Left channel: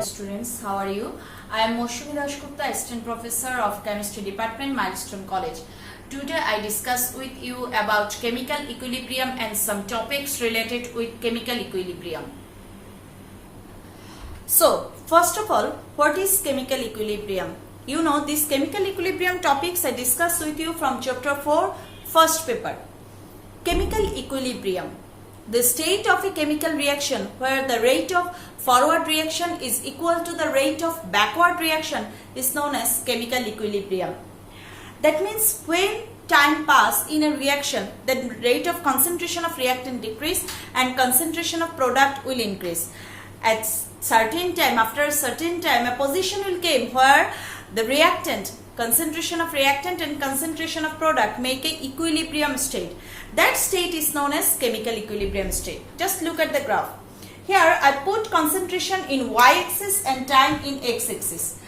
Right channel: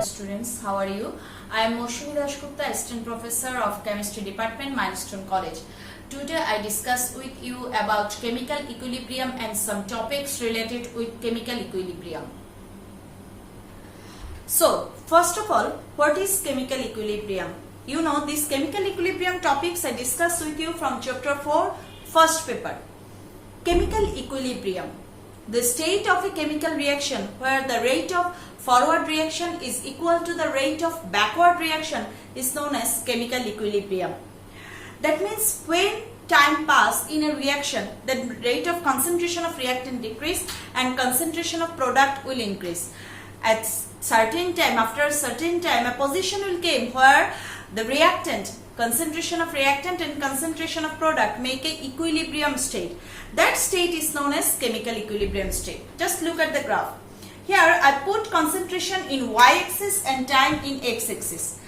dear students, how are you? I am Moshumi Dashgupta, Assistant Professor of Chemistry Department, Milestone College. Today I discuss with you about chemical equilibrium and some topics related with chemical equilibrium. So, first of all, what is chemical equilibrium? You know, these chemical equilibrium topics I discussed with you from chapter 4, first paper. Chemical equilibrium. The state of a chemical reaction where the rate of forward reaction is equal to the rate of backward reaction is known as chemical equilibrium. That means when time pass in a reaction, the rate of concentration of reactant decrease and concentration of product will increase. At certain time, after a certain time, a position will come where the reactant, concentration of reactant and concentration of product make a equilibrium state. That state is known as chemical equilibrium state. Just look at the graph. Here I put concentration in y-axis and time in x-axis.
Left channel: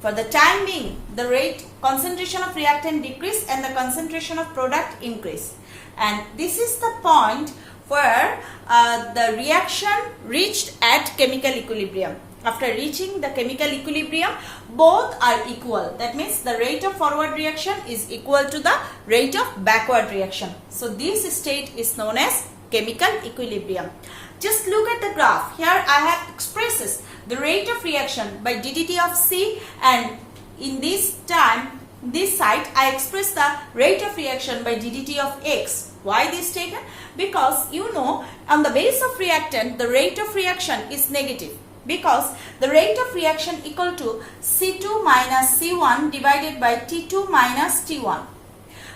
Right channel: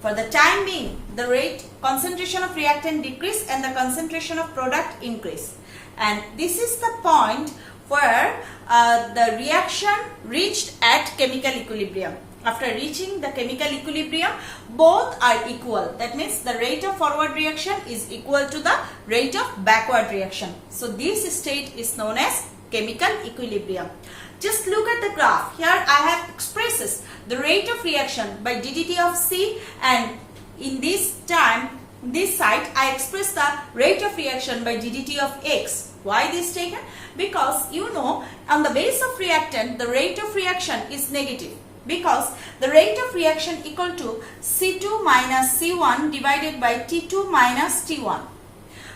For the time being, the rate concentration of reactant decrease and the concentration of product increase. And this is the point where the reaction reached at chemical equilibrium. After reaching the chemical equilibrium, both are equal. That means the rate of forward reaction is equal to the rate of backward reaction. So this state is known as chemical equilibrium. Just look at the graph. Here I have expresses the rate of reaction by ddt of C, and in this time, this side I express the rate of reaction by ddt of X. Why this taken? Because you know on the base of reactant the rate of reaction is negative, because the rate of reaction equal to C2 minus C1 divided by T2 minus T1.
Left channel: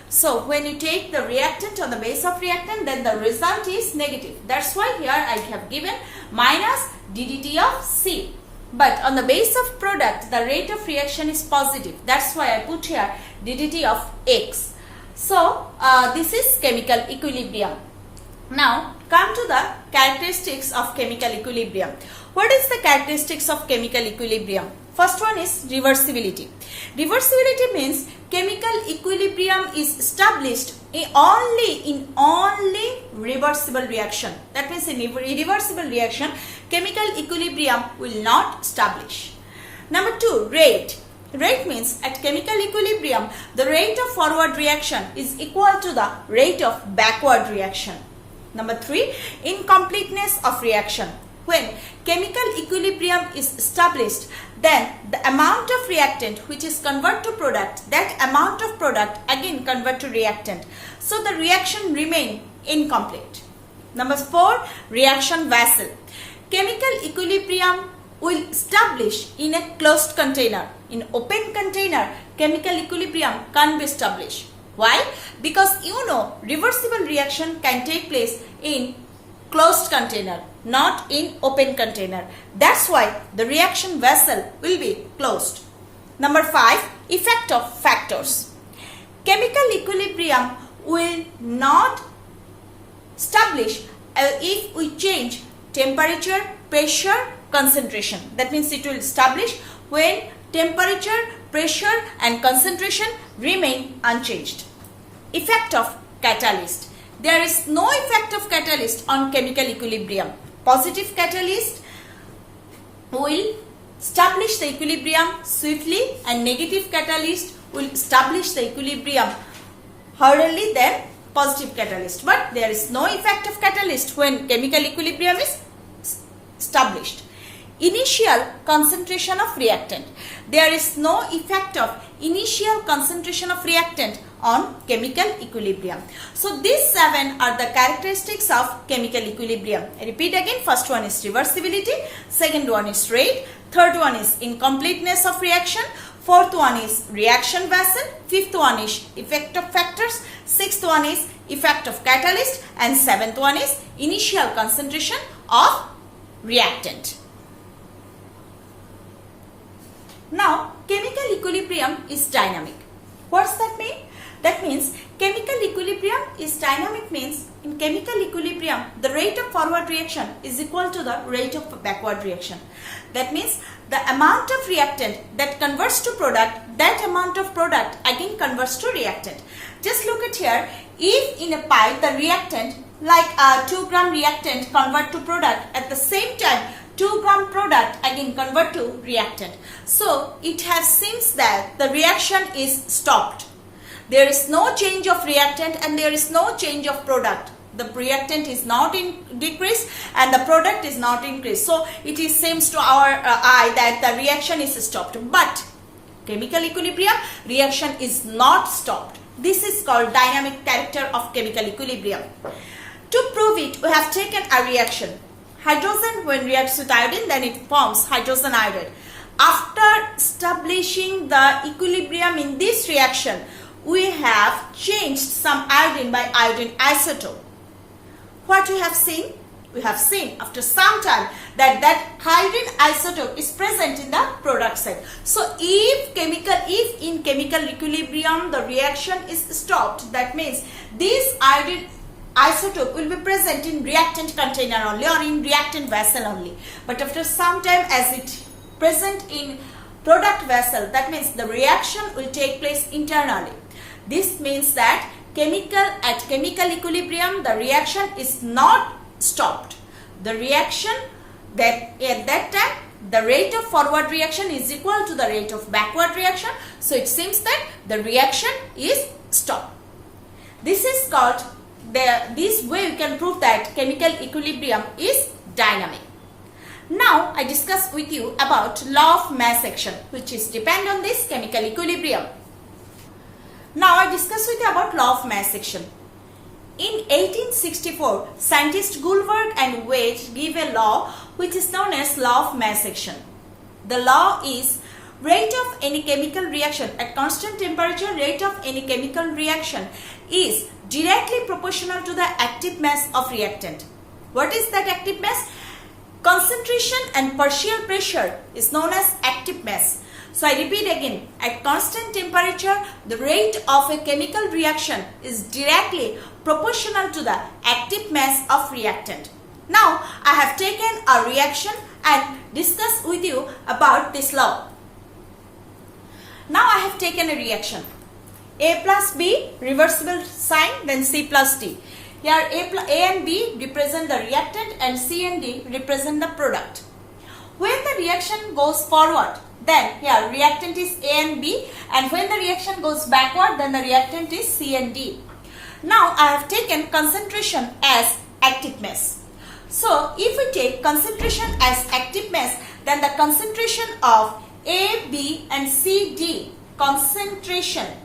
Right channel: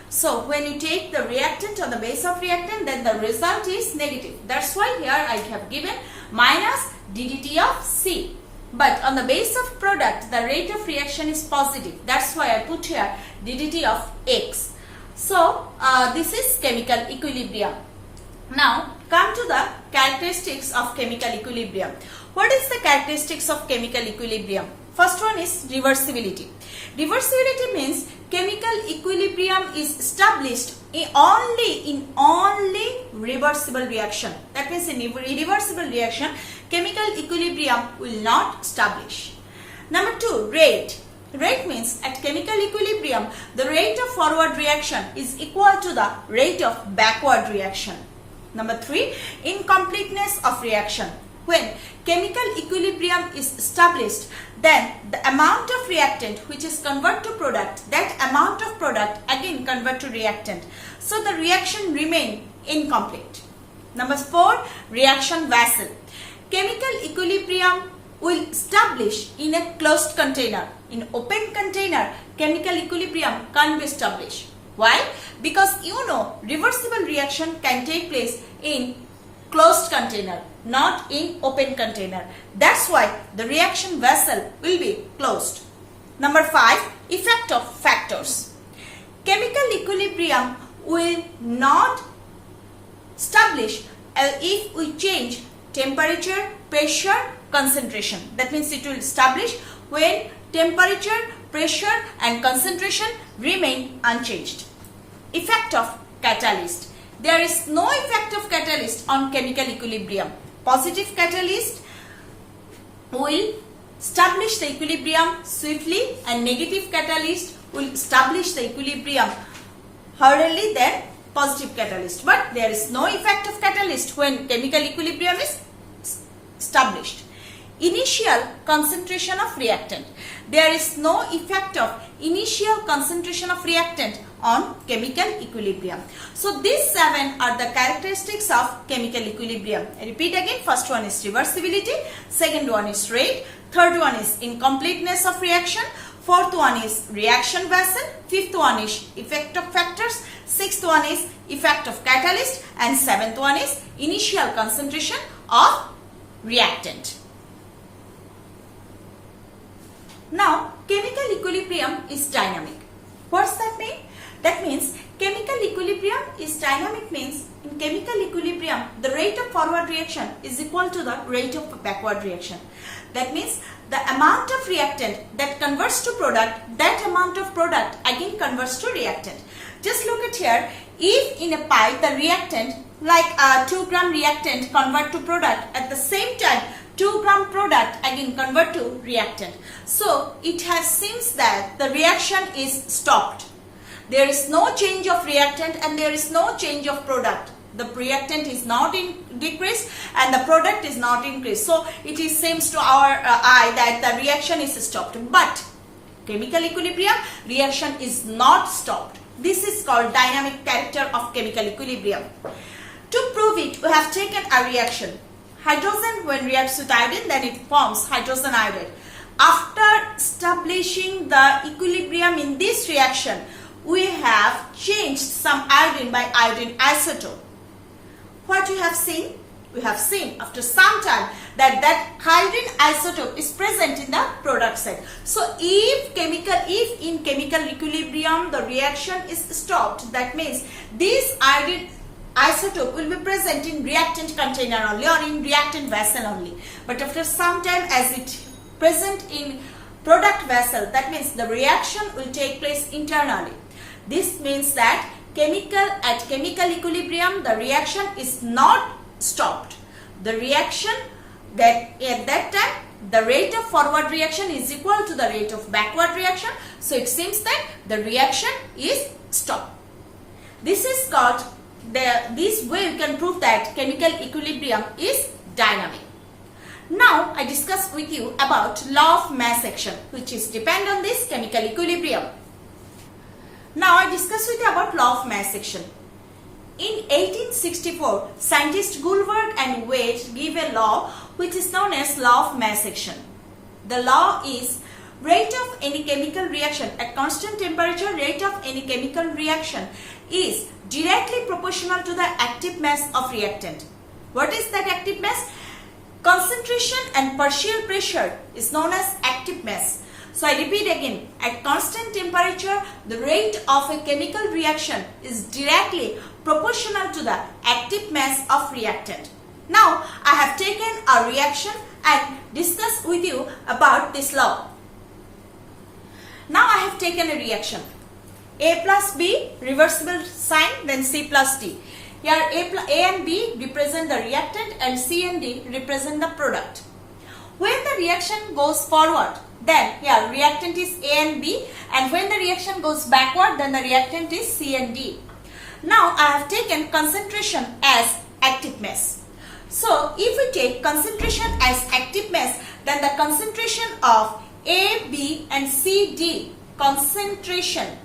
So when you take the reactant on the base of reactant, then the result is negative. That's why here I have given minus ddt of C. But on the base of product, the rate of reaction is positive. That's why I put here ddt of X. So this is chemical equilibrium. Now come to the characteristics of chemical equilibrium. What is the characteristics of chemical equilibrium? First one is reversibility. Reversibility means chemical equilibrium is established in only reversible reaction. That means in irreversible reaction, chemical equilibrium will not establish. Number 2, rate. Rate means at chemical equilibrium, the rate of forward reaction is equal to the rate of backward reaction. Number 3, incompleteness of reaction. When chemical equilibrium is established, then the amount of reactant which is converted to product, that amount of product again convert to reactant. So the reaction remain incomplete. Number 4, reaction vessel. Chemical equilibrium will establish in a closed container. In open container, chemical equilibrium can't be established. Why? Because you know reversible reaction can take place in closed container, not in open container. That's why the reaction vessel will be closed. Number 5, effect of factors. Chemical equilibrium will not establish if we change temperature, pressure, concentration. That means it will establish when temperature, pressure and concentration remain unchanged. Effect of catalyst. There is no effect of catalyst on chemical equilibrium. Positive catalyst will establish the equilibrium swiftly and negative catalyst will establish the equilibrium hurriedly than positive catalyst. But there is no effect of catalyst when chemical equilibrium is established. Initial concentration of reactant. There is no effect of initial concentration of reactant on chemical equilibrium. So these 7 are the characteristics of chemical equilibrium. I repeat again, first one is reversibility, second one is rate, third one is incompleteness of reaction, fourth one is reaction vessel, fifth one is effect of factors, sixth one is effect of catalyst, and seventh one is initial concentration of reactant. Now, chemical equilibrium is dynamic. What's that mean? That means chemical equilibrium is dynamic means in chemical equilibrium the rate of forward reaction is equal to the rate of backward reaction. That means the amount of reactant that converts to product, that amount of product again converts to reactant. Just look at here, if in a pipe the reactant like a 2 gram reactant convert to product, at the same time 2 gram product again convert to reactant. So it has seems that the reaction is stopped. There is no change of reactant and there is no change of product. The reactant is not decreased and the product is not increased. So it seems to our eye that the reaction is stopped. But chemical equilibrium, reaction is not stopped. This is called dynamic character of chemical equilibrium. To prove it, we have taken a reaction. Hydrogen, when reacts with iodine, then it forms hydrogen iodide. After establishing the equilibrium in this reaction, we have changed some iodine by iodine isotope. What we have seen? We have seen after some time that iodine isotope is present in the product side. So if in chemical equilibrium the reaction is stopped, that means this iodine isotope will be present in reactant container only or in reactant vessel only. But after some time, as it present in product vessel, that means the reaction will take place internally. This means that at chemical equilibrium the reaction is not stopped. The reaction that at that time the rate of forward reaction is equal to the rate of backward reaction. So it seems that the reaction is stopped. This is called this way you can prove that chemical equilibrium is dynamic. Now I discuss with you about law of mass action, which is depend on this chemical equilibrium. Now I discuss with you about law of mass action. In 1864, scientists Gullberg and Waite give a law which is known as law of mass action. The law is rate of any chemical reaction at constant temperature, rate of any chemical reaction is directly proportional to the active mass of reactant. What is that active mass? Concentration and partial pressure is known as active mass. So I repeat again, at constant temperature, the rate of a chemical reaction is directly proportional to the active mass of reactant. Now I have taken a reaction and discussed with you about this law. Now I have taken a reaction. A plus B, reversible sign, then C plus D. Here A and B represent the reactant and C and D represent the product. When the reaction goes forward, then here reactant is A and B, and when the reaction goes backward, then the reactant is C and D. Now I have taken concentration as active mass. So if we take concentration as active mass, then the concentration of A, B and C, D, concentration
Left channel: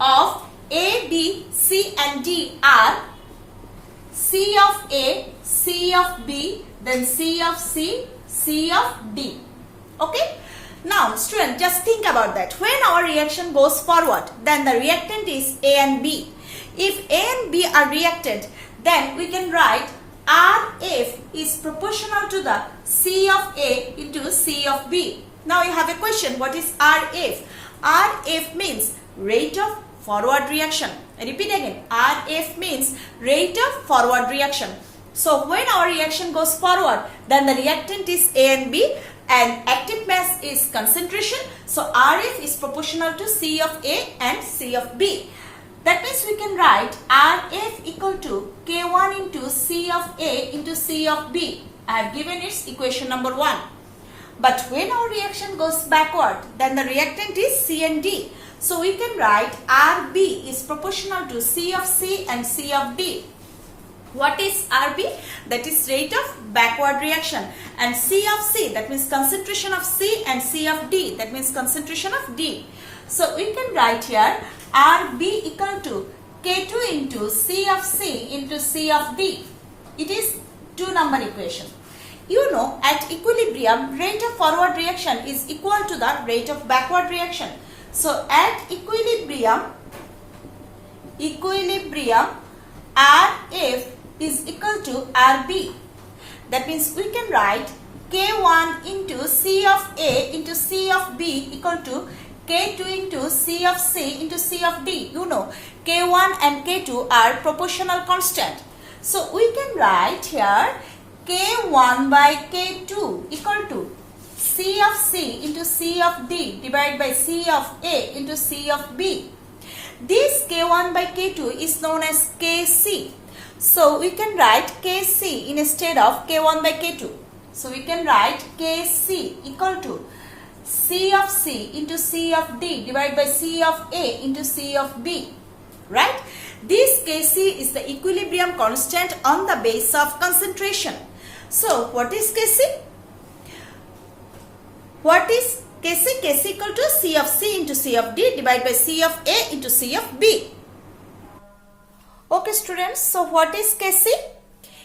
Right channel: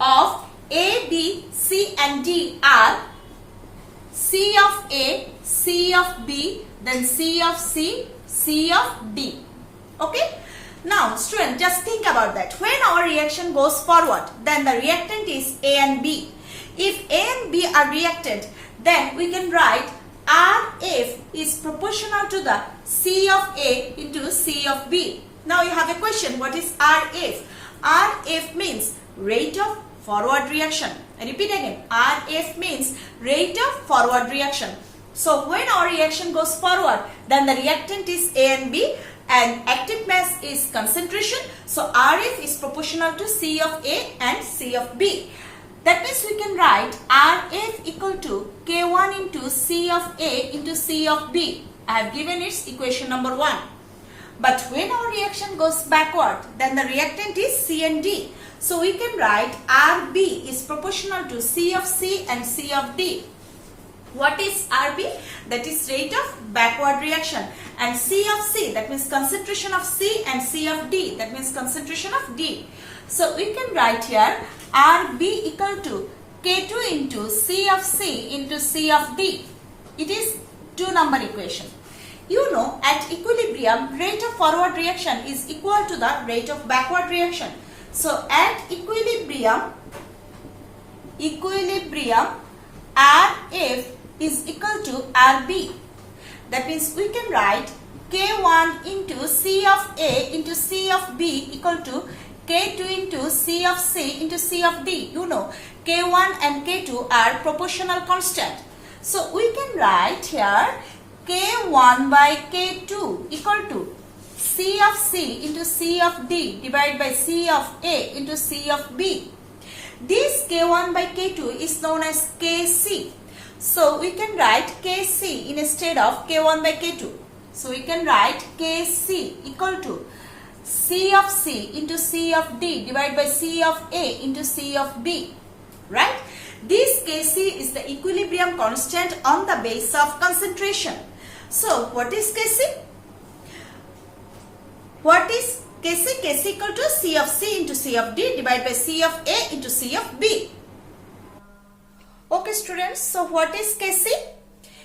of A, B, C and D are C of A, C of B, then C of C, C of D. Okay? Now student, just think about that. When our reaction goes forward, then the reactant is A and B. If A and B are reactant, then we can write RF is proportional to the C of A into C of B. Now you have a question, what is RF? RF means rate of forward reaction. I repeat again, RF means rate of forward reaction. So when our reaction goes forward, then the reactant is A and B and active mass is concentration. So RF is proportional to C of A and C of B. That means we can write RF equal to K1 into C of A into C of B. I have given its equation number 1. But when our reaction goes backward, then the reactant is C and D. So we can write RB is proportional to C of C and C of D. What is RB? That is rate of backward reaction. And C of C, that means concentration of C, and C of D, that means concentration of D. So we can write here RB equal to K2 into C of C into C of D. It is 2-number equation. You know, at equilibrium, rate of forward reaction is equal to the rate of backward reaction. So at equilibrium RF is equal to RB. That means we can write K1 into C of A into C of B equal to K2 into C of C into C of D. You know, K1 and K2 are proportional constant. So we can write here K1 by K2 equal to C of C into C of D divided by C of A into C of B. This K1 by K2 is known as Kc. So we can write Kc instead of K1 by K2. So we can write Kc equal to C of C into C of D divided by C of A into C of B. Right? This Kc is the equilibrium constant on the base of concentration. So what is Kc? What is Kc? Kc equal to C of C into C of D divided by C of A into C of B. Okay students, so what is Kc?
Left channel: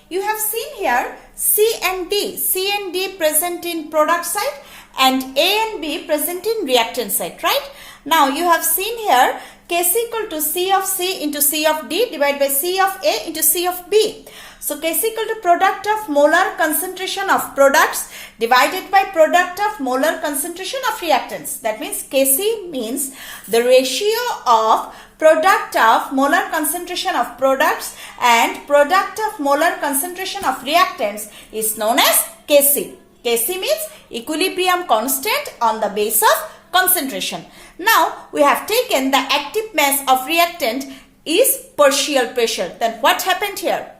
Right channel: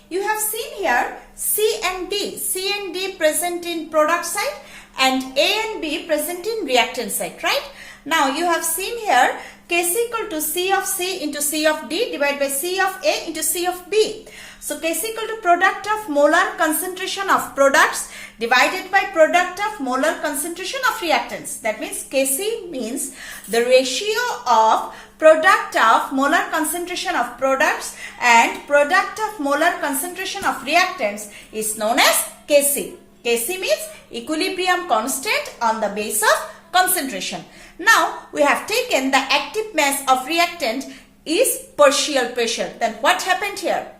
You have seen here C and D present in product side and A and B present in reactant side, right? Now you have seen here Kc equal to C of C into C of D divided by C of A into C of B. So Kc equal to product of molar concentration of products divided by product of molar concentration of reactants. That means Kc means the ratio of product of molar concentration of products and product of molar concentration of reactants is known as Kc. Kc means equilibrium constant on the base of concentration. Now we have taken the active mass of reactant is partial pressure. Then what happened here?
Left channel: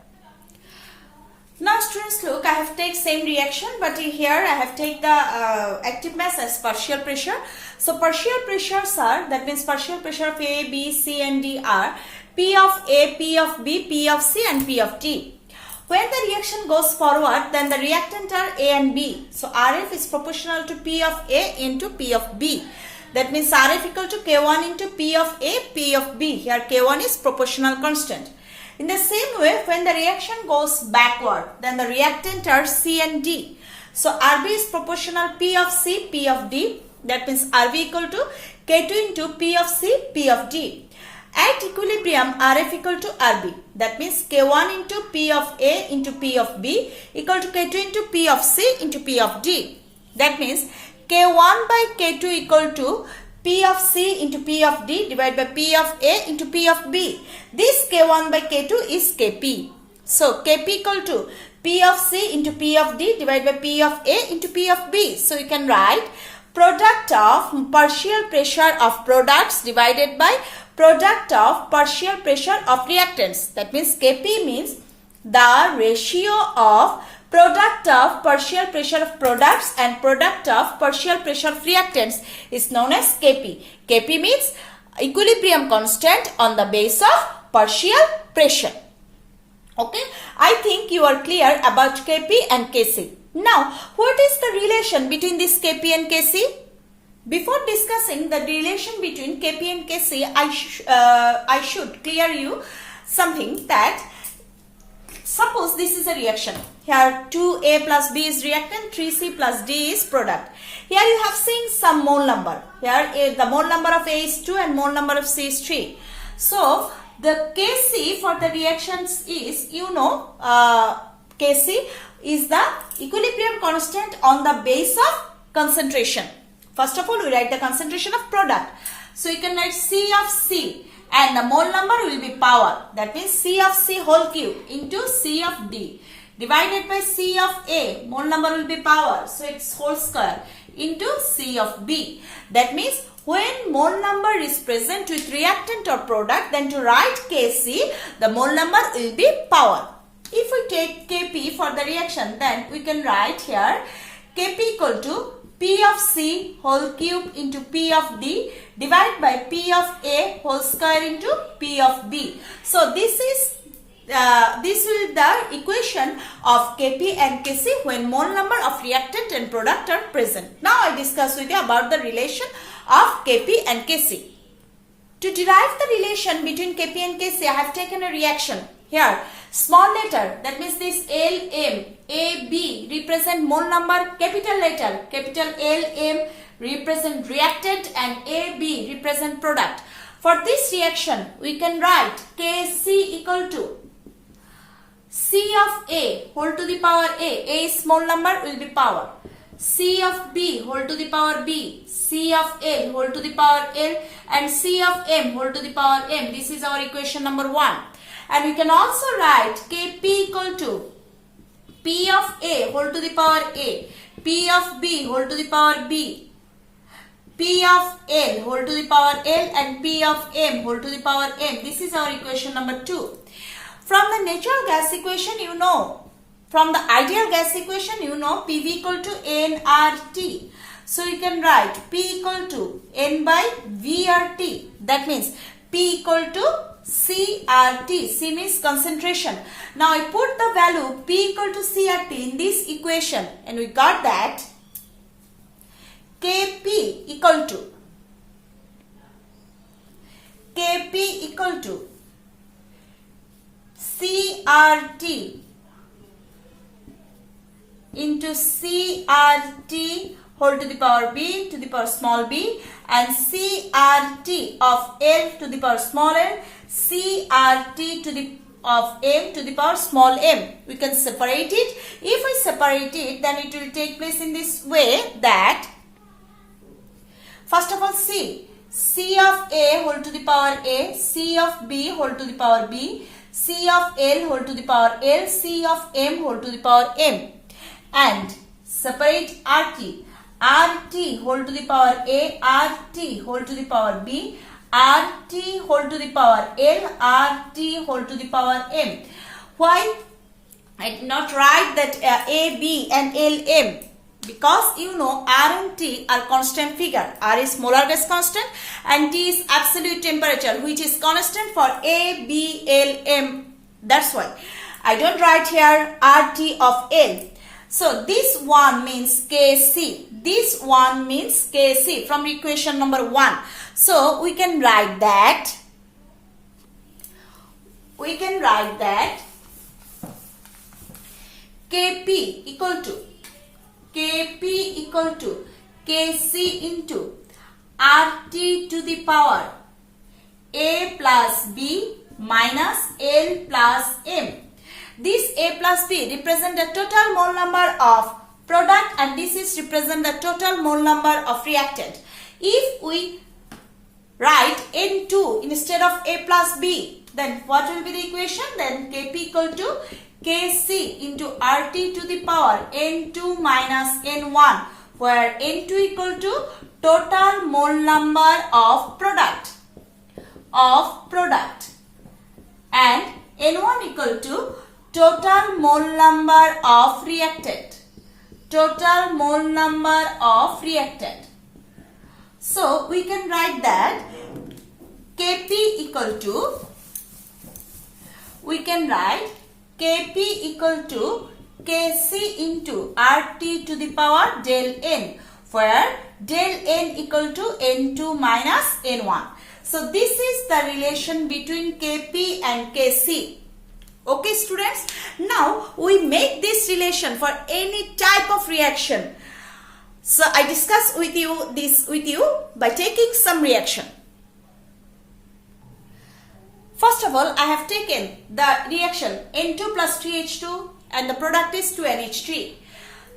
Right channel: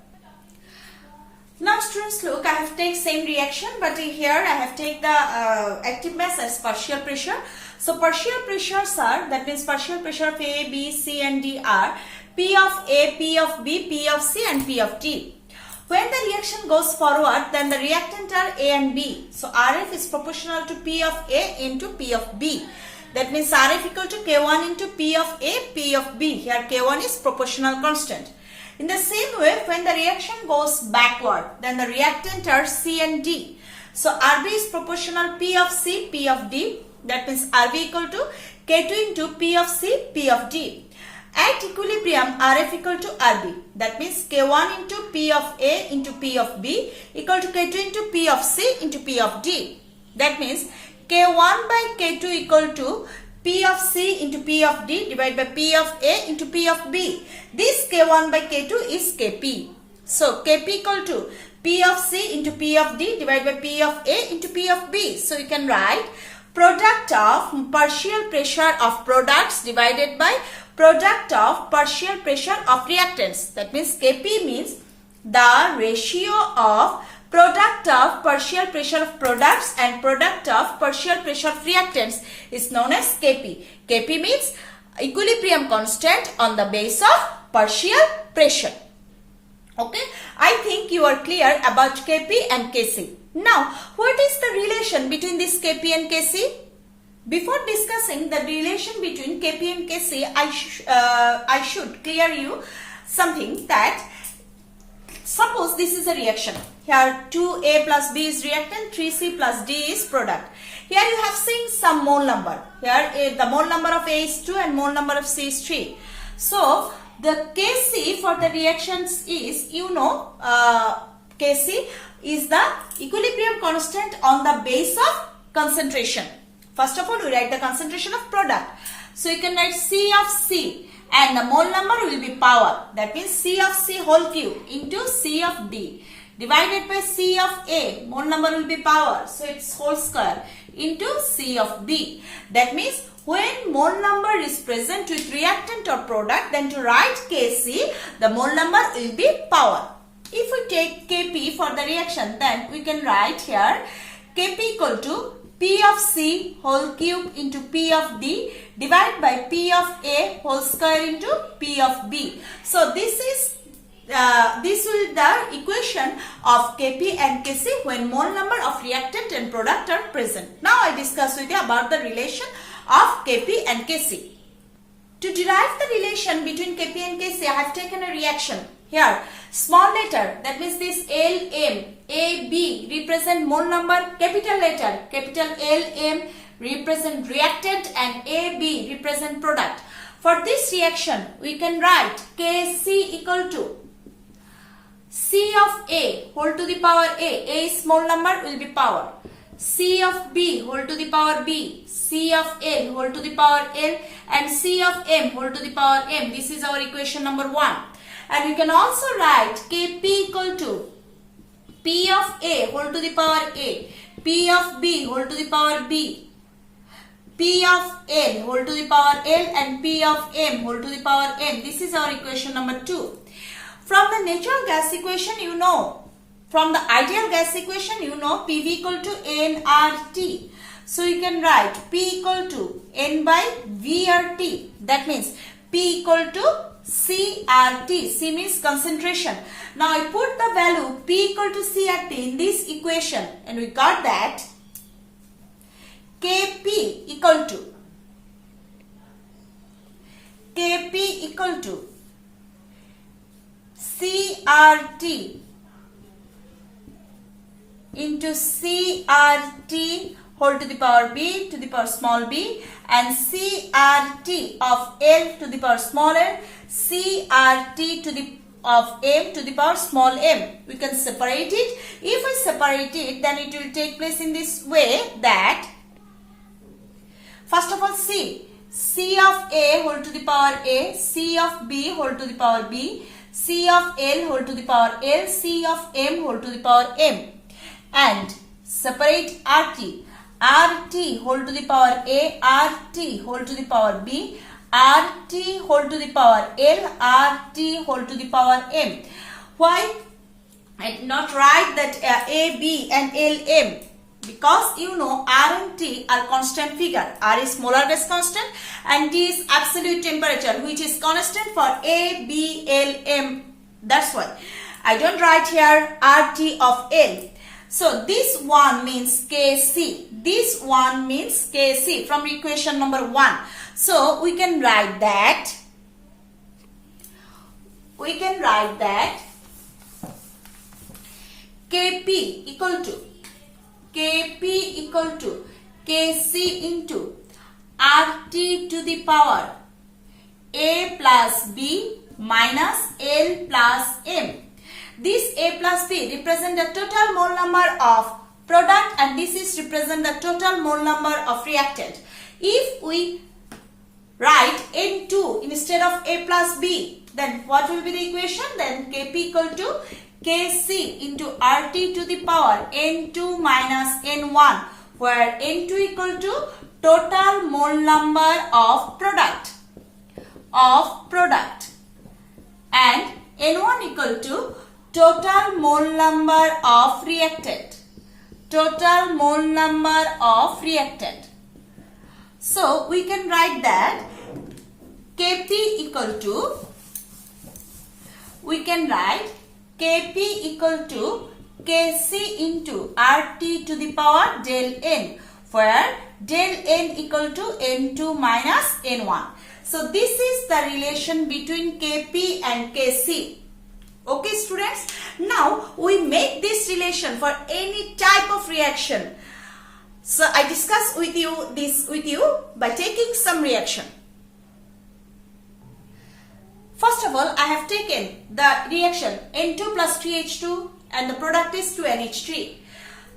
Now students, look, I have taken same reaction, but here I have taken the active mass as partial pressure. So partial pressures are, that means partial pressure of A, B, C and D are P of A, P of B, P of C and P of D. When the reaction goes forward, then the reactant are A and B. So Rf is proportional to P of A into P of B. That means Rf equal to K1 into P of A, P of B. Here K1 is proportional constant. In the same way, when the reaction goes backward, then the reactant are C and D. So Rb is proportional P of C, P of D. That means Rb equal to K2 into P of C, P of D. At equilibrium, Rf equal to Rb. That means K1 into P of A into P of B equal to K2 into P of C into P of D. That means K1 by K2 equal to P of C into P of D divided by P of A into P of B. This K1 by K2 is Kp. So Kp equal to P of C into P of D divided by P of A into P of B. So you can write product of partial pressure of products divided by product of partial pressure of reactants. That means Kp means the ratio of product of partial pressure of products and product of partial pressure of reactants is known as Kp. Kp means equilibrium constant on the base of partial pressure. Okay, I think you are clear about Kp and Kc. Now, what is the relation between this Kp and Kc? Before discussing the relation between Kp and Kc, I should clear you something that suppose this is a reaction. Here 2A plus B is reactant, 3C plus D is product. Here you have seen some mole number. Here the mole number of A is 2 and mole number of C is 3. So the Kc for the reactions is, Kc is the equilibrium constant on the base of concentration. First of all, we write the concentration of product. So you can write C of C. And the mole number will be power. That means C of C whole cube into C of D divided by C of A. Mole number will be power. So it's whole square into C of B. That means when mole number is present with reactant or product, then to write Kc, the mole number will be power. If we take Kp for the reaction, then we can write here Kp equal to P of C whole cube into P of D divided by P of A whole square into P of B. So this will be the equation of Kp and Kc when mole number of reactant and product are present. Now I discuss with you about the relation of Kp and Kc. To derive the relation between Kp and Kc, I have taken a reaction. Here, small letter, that means this Lm, AB represent mole number, capital letter, capital Lm represent reactant and AB represent product. For this reaction, we can write Kc equal to C of A whole to the power A is small number, will be power. C of B whole to the power B, C of L whole to the power L and C of M whole to the power M. This is our equation number 1. And we can also write Kp equal to P of A whole to the power A, P of B whole to the power B, P of L whole to the power L and P of M whole to the power M. This is our equation number 2. From the natural gas equation, you know, from the ideal gas equation, you know PV equal to nRT. So you can write P equal to N by VRT. That means P equal to CRT. C means concentration. Now I put the value P equal to CRT in this equation and we got that Kp equal to CRT into CRT whole to the power b to the power small b and CRT of L to the power small l, CRT to the of m to the power small m. We can separate it. If we separate it, then it will take place in this way that first of all C of A whole to the power A, C of B whole to the power B, C of L whole to the power L, C of M whole to the power M, and separate RT. RT whole to the power A, RT whole to the power B, RT whole to the power L, RT whole to the power M. Why I did not write that A, B and L, M? Because you know R and T are constant figure. R is molar gas constant and T is absolute temperature, which is constant for A, B, L, M. That's why I don't write here RT of L. So this one means Kc. This one means Kc from equation number 1. So we can write that. Kp equal to Kc into RT to the power A plus B minus L plus M. This A plus B represent the total mole number of product and this is represent the total mole number of reactant. If we write N2 instead of A plus B, then what will be the equation? Then Kp equal to Kc into RT to the power N2 minus N1, where N2 equal to total mole number of product and N1 equal to total mole number of reactant. So we can write that Kp equal to Kc into RT to the power del N, where del N equal to N2 minus N1. So this is the relation between Kp and Kc. Okay students, now we make this relation for any type of reaction. So I discuss with you by taking some reaction. First of all, I have taken the reaction N2 plus 3H2 and the product is 2NH3.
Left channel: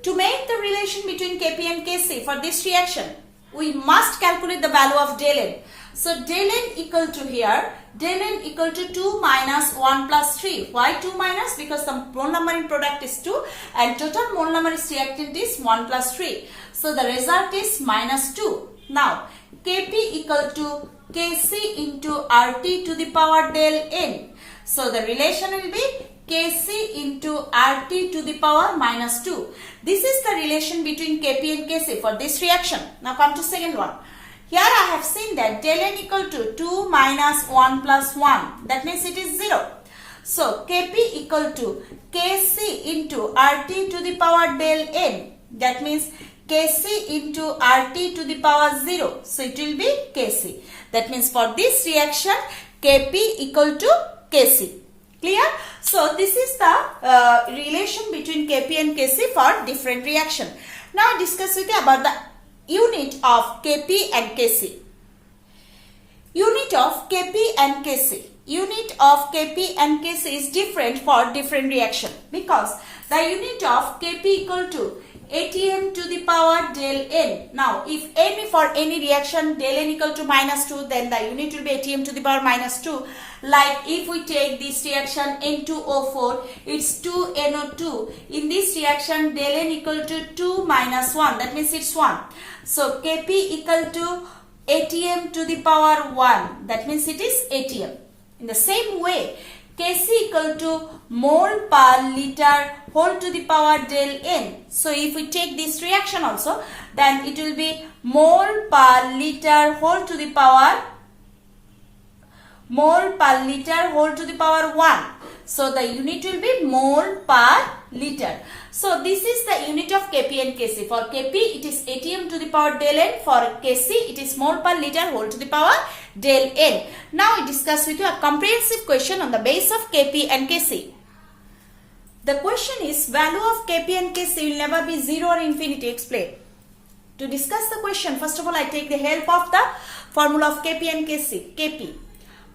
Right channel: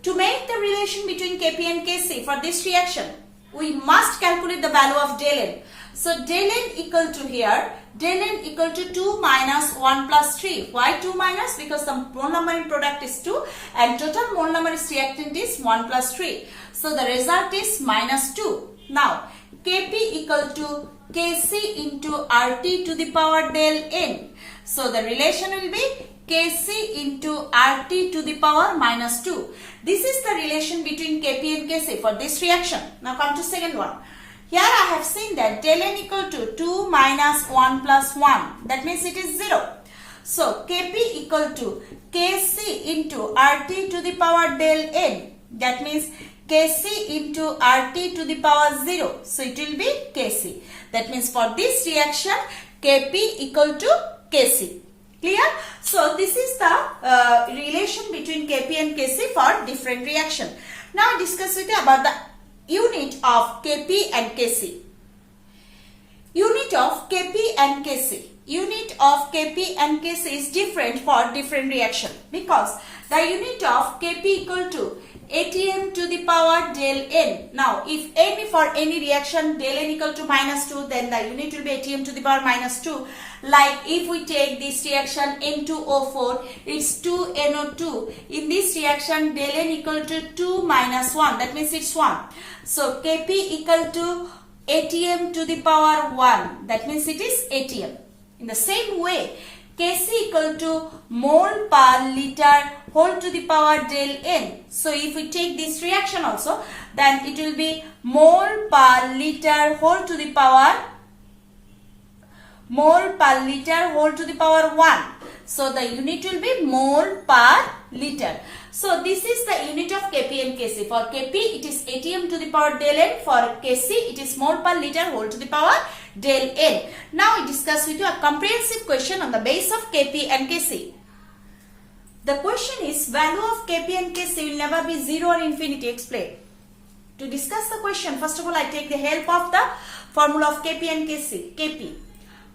To make the relation between Kp and Kc for this reaction, we must calculate the value of del N. So del N equal to here, del N equal to 2 minus 1 plus 3. Why 2 minus? Because the mole number in product is 2 and total mole number is reactant is 1 plus 3. So the result is minus 2. Now Kp equal to Kc into RT to the power del N. So the relation will be Kc into RT to the power minus 2. This is the relation between Kp and Kc for this reaction. Now come to second one. Here I have seen that del N equal to 2 minus 1 plus 1. That means it is 0. So Kp equal to Kc into RT to the power del N. That means Kc into RT to the power 0. So it will be Kc. That means for this reaction Kp equal to Kc. Clear? So this is the relation between Kp and Kc for different reaction. Now I discuss with you about the unit of Kp and Kc. Unit of Kp and Kc. Unit of Kp and Kc is different for different reaction because the unit of Kp equal to Atm to the power del N. Now if any for any reaction del N equal to minus 2, then the unit will be Atm to the power minus 2. Like if we take this reaction N2O4, it's 2NO2. In this reaction del N equal to 2 minus 1, that means it's 1. So Kp equal to Atm to the power 1, that means it is Atm. In the same way, Kc equal to mole per liter whole to the power del N. So if we take this reaction also, then it will be mole per liter whole to the power 1. So the unit will be mole per liter. So this is the unit of Kp and Kc. For Kp it is atm to the power del N. For Kc it is mole per liter whole to the power del N. Now we discuss with you a comprehensive question on the base of Kp and Kc. The question is, value of Kp and Kc will never be 0 or infinity. Explain. To discuss the question, first of all I take the help of the formula of Kp and Kc. Kp,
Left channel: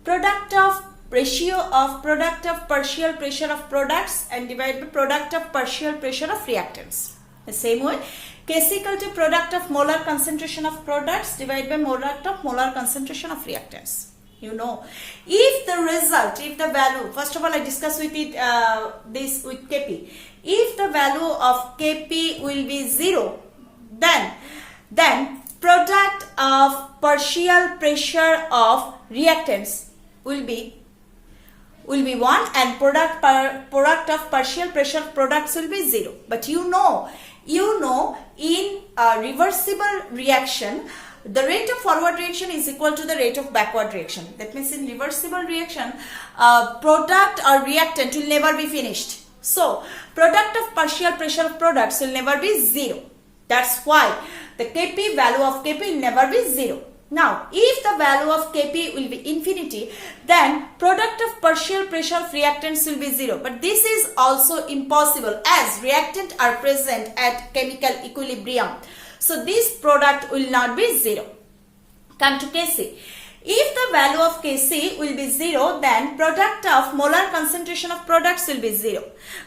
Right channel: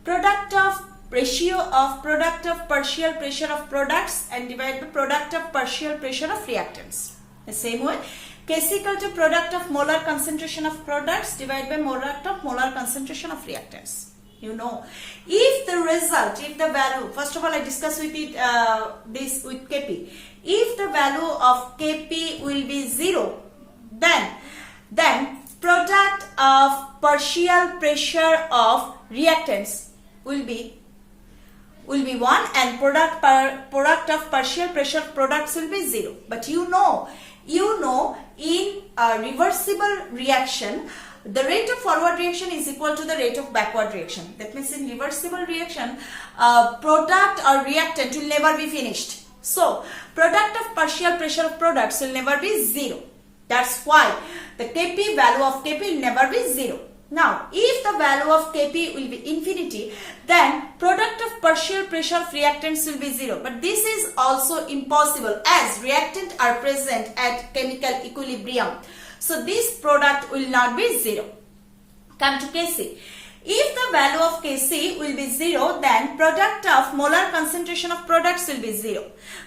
product of partial pressure of products and divided by product of partial pressure of reactants. The same way, Kc equal to product of molar concentration of products divided by product of molar concentration of reactants. You know, if the value, first of all I discuss with it this with Kp. If the value of Kp will be 0, then product of partial pressure of reactants will be 1 and product of partial pressure of products will be 0. But you know in a reversible reaction, the rate of forward reaction is equal to the rate of backward reaction. That means in reversible reaction, product or reactant will never be finished. So product of partial pressure of products will never be 0. That's why the Kp, value of Kp will never be 0. Now, if the value of Kp will be infinity, then product of partial pressure of reactants will be 0. But this is also impossible as reactant are present at chemical equilibrium. So this product will not be 0. Come to Kc. If the value of Kc will be 0, then product of molar concentration of products will be 0.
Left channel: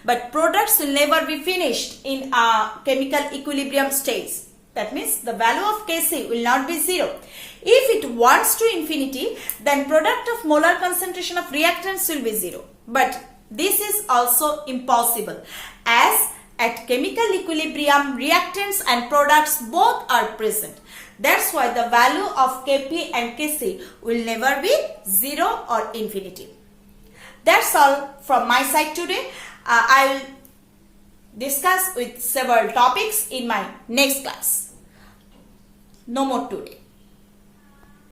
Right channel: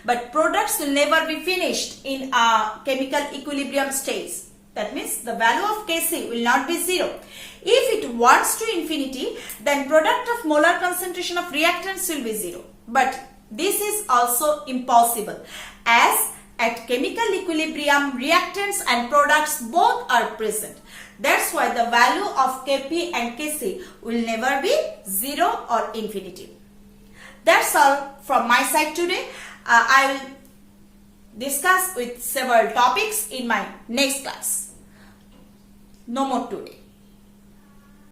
But products will never be finished in a chemical equilibrium stage. That means the value of Kc will not be 0. If it wants to infinity, then product of molar concentration of reactants will be 0. But this is also impossible as at chemical equilibrium, reactants and products both are present. That's why the value of Kp and Kc will never be 0 or infinity. That's all from my side today. I will discuss with several topics in my next class. No more today.